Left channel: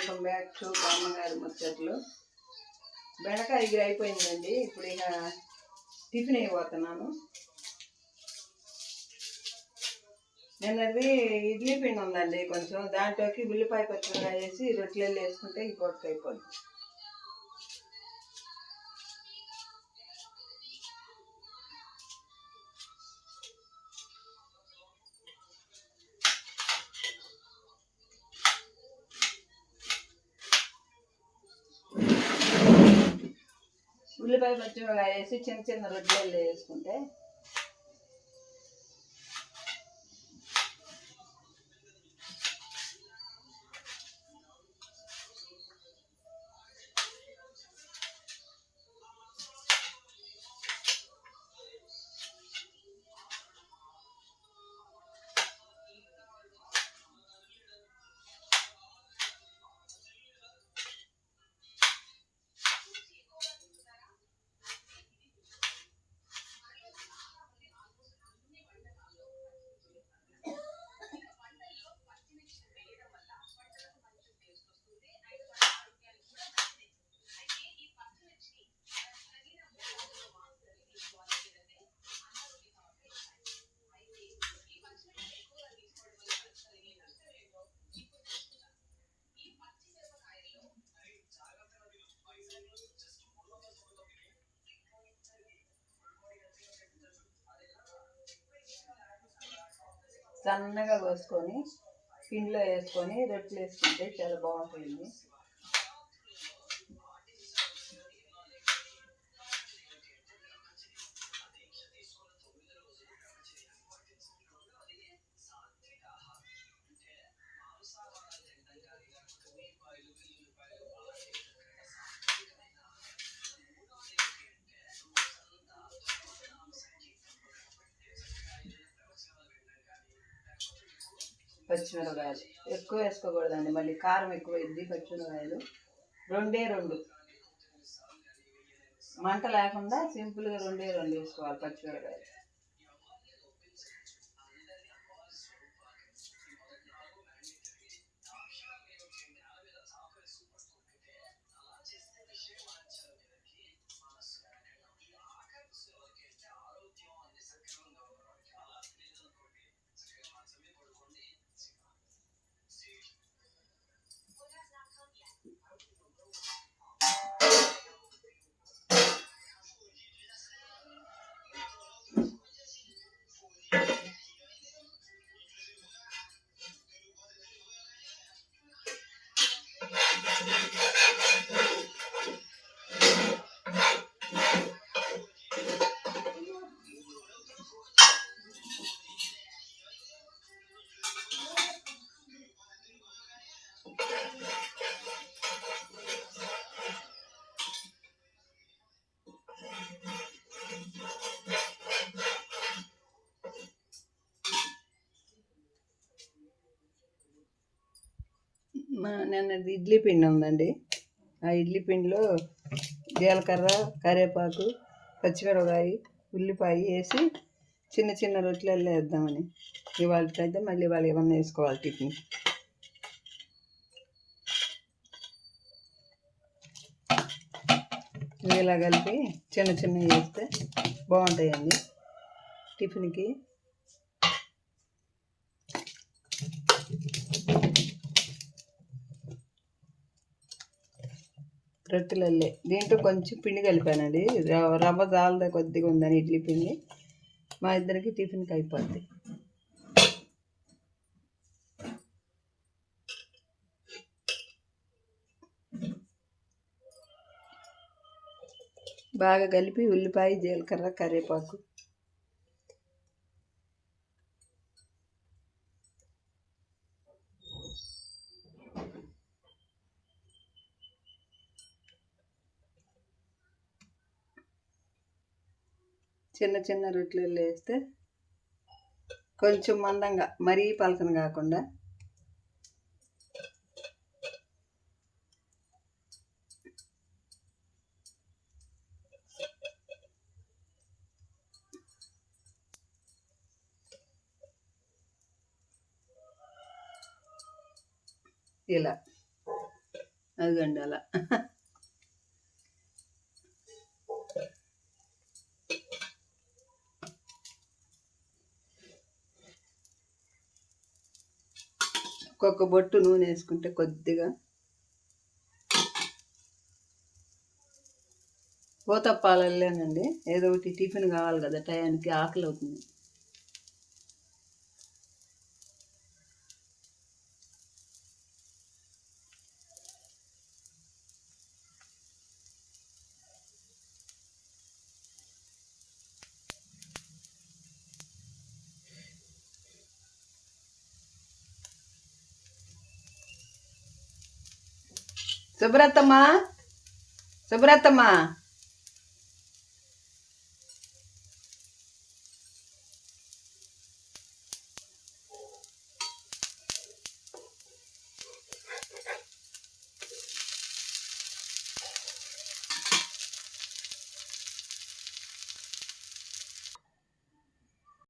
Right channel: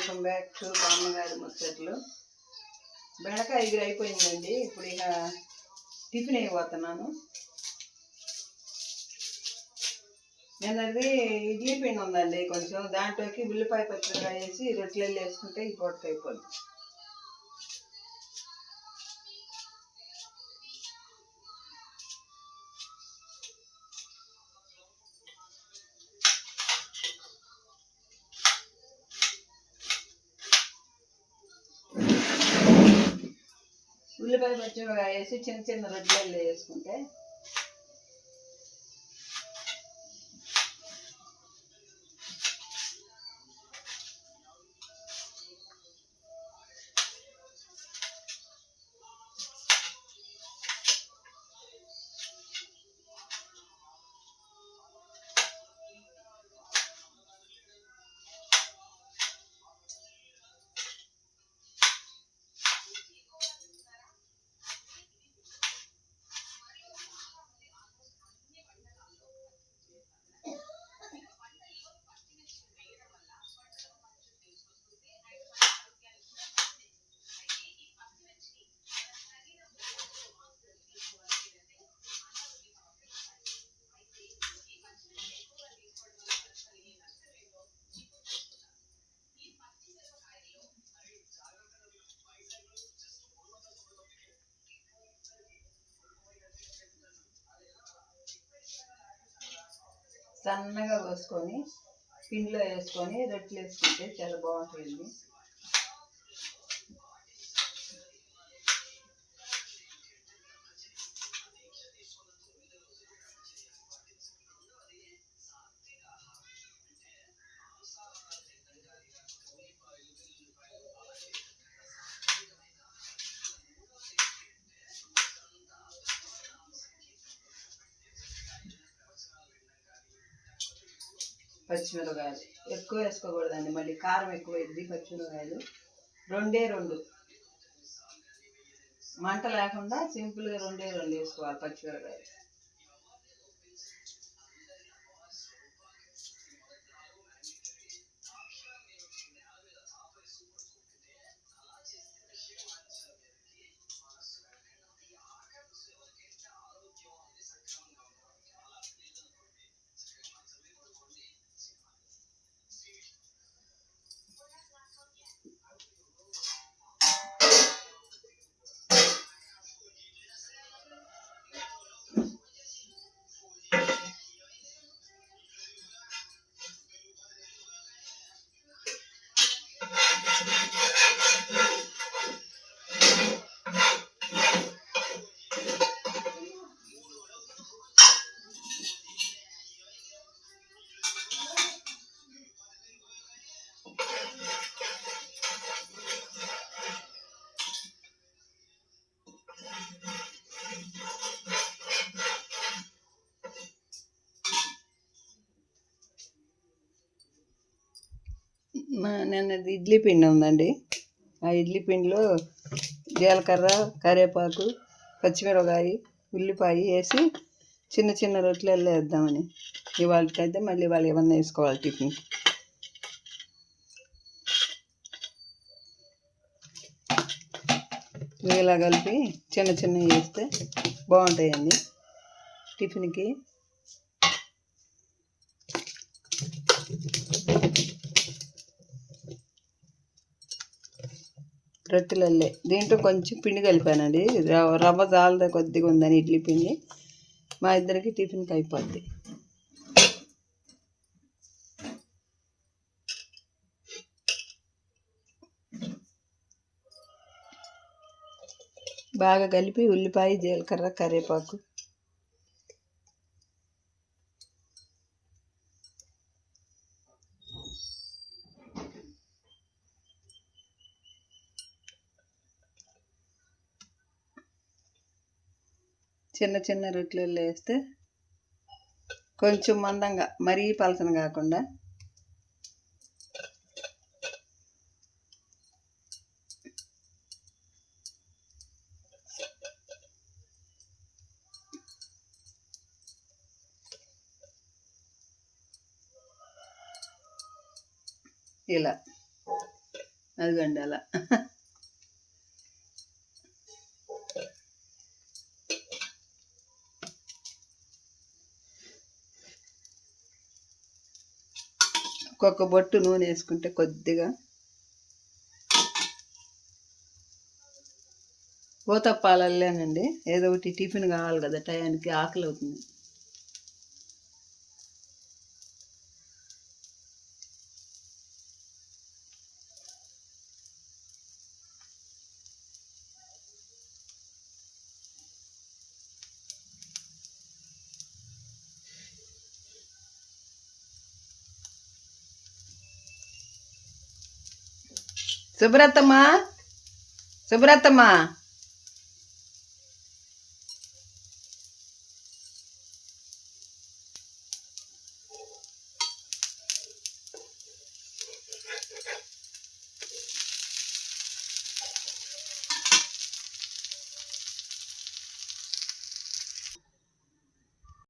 Welcome back to బామ్మగారి ముచ్చట్లు. బెండకాయ ఎగురు అయిపోయిందండి. ఇప్పుడు ఇక టిఫిన్ అయిపోతున్నాను. నిన్నది ఇడ్లీ పిండి ఉందండి కొంచెం. దాంట్లోకి ఉల్లిపాయ పచ్చిమిరకాయ వేసి రొట్టెలు వేసుకుంటే ఈ పూటకి అయిపోద్ది. ఉల్లిపాయ పచ్చిమిరకాయ వేసి చిన్న చిన్న రొట్టెలు వేసుకుంటే సన్నగా కోసుకొని పిండిలో వేసుకొని రొట్టెలు వేసుకుంటే చాలా బాగుంటుంది. పచ్చిమిరపకాయలు. ఎక్కువ వేసుకోకూడదండి. మళ్ళీ కారం ఎక్కువ అయింది పచ్చిమిరపకాయలు. రెండే రెండు. మంట లేకుండా సింపుల్గా రెండే రెండు వేసుకోవాలి పచ్చిమిరపకాయలు. నిన్నది ఇడ్లీ పిండి ఉందండి. ఆ ఇడ్లీ పిండిలో జీలకర్ర కరివేపాకు పచ్చిమిరపకాయ ఉల్లిపాయ వేసి చిన్న చిన్న రొట్టెలలో వేద్దామని. ఇవాళకైతే మళ్ళీ వాళ్ళు ఏమన్నా వేసుకోవాలి టిఫిన్. ఇలా కలిపి చిన్న చిన్నవి వేస్తే బాగుంటాయండి. టిఫిన్కి రొట్టెలల్లే. దీంట్లో కొంచెం పిండి కలిపానండి. రవ్వ రవ్వ జాలద కొద్దిగా ఉందని ఇడ్లీ పిండి. మా ఇద్దరికి టిఫిన్కి అయిపోద్ది బాగా కలిపి ఉల్లిపాయ జీలకర్ర కరివేపాకు చిన్న చిన్న రొట్టెలు వేస్తే కొంచెం మందంగా మరీ పలసన కాకుండా. ఇలా. అదిగండి అలా. ఒక్కొక్క బొట్టు నూనె వేసుకుంటే కొద్దిగా పోతప్పాలల్లేనండి ఏదో ఒకటి టిఫిన్ కావాలి కదా టయానికి ఆకలి అవుతుంది సుబ్రతమ్మా? సుబ్రతమ్మా?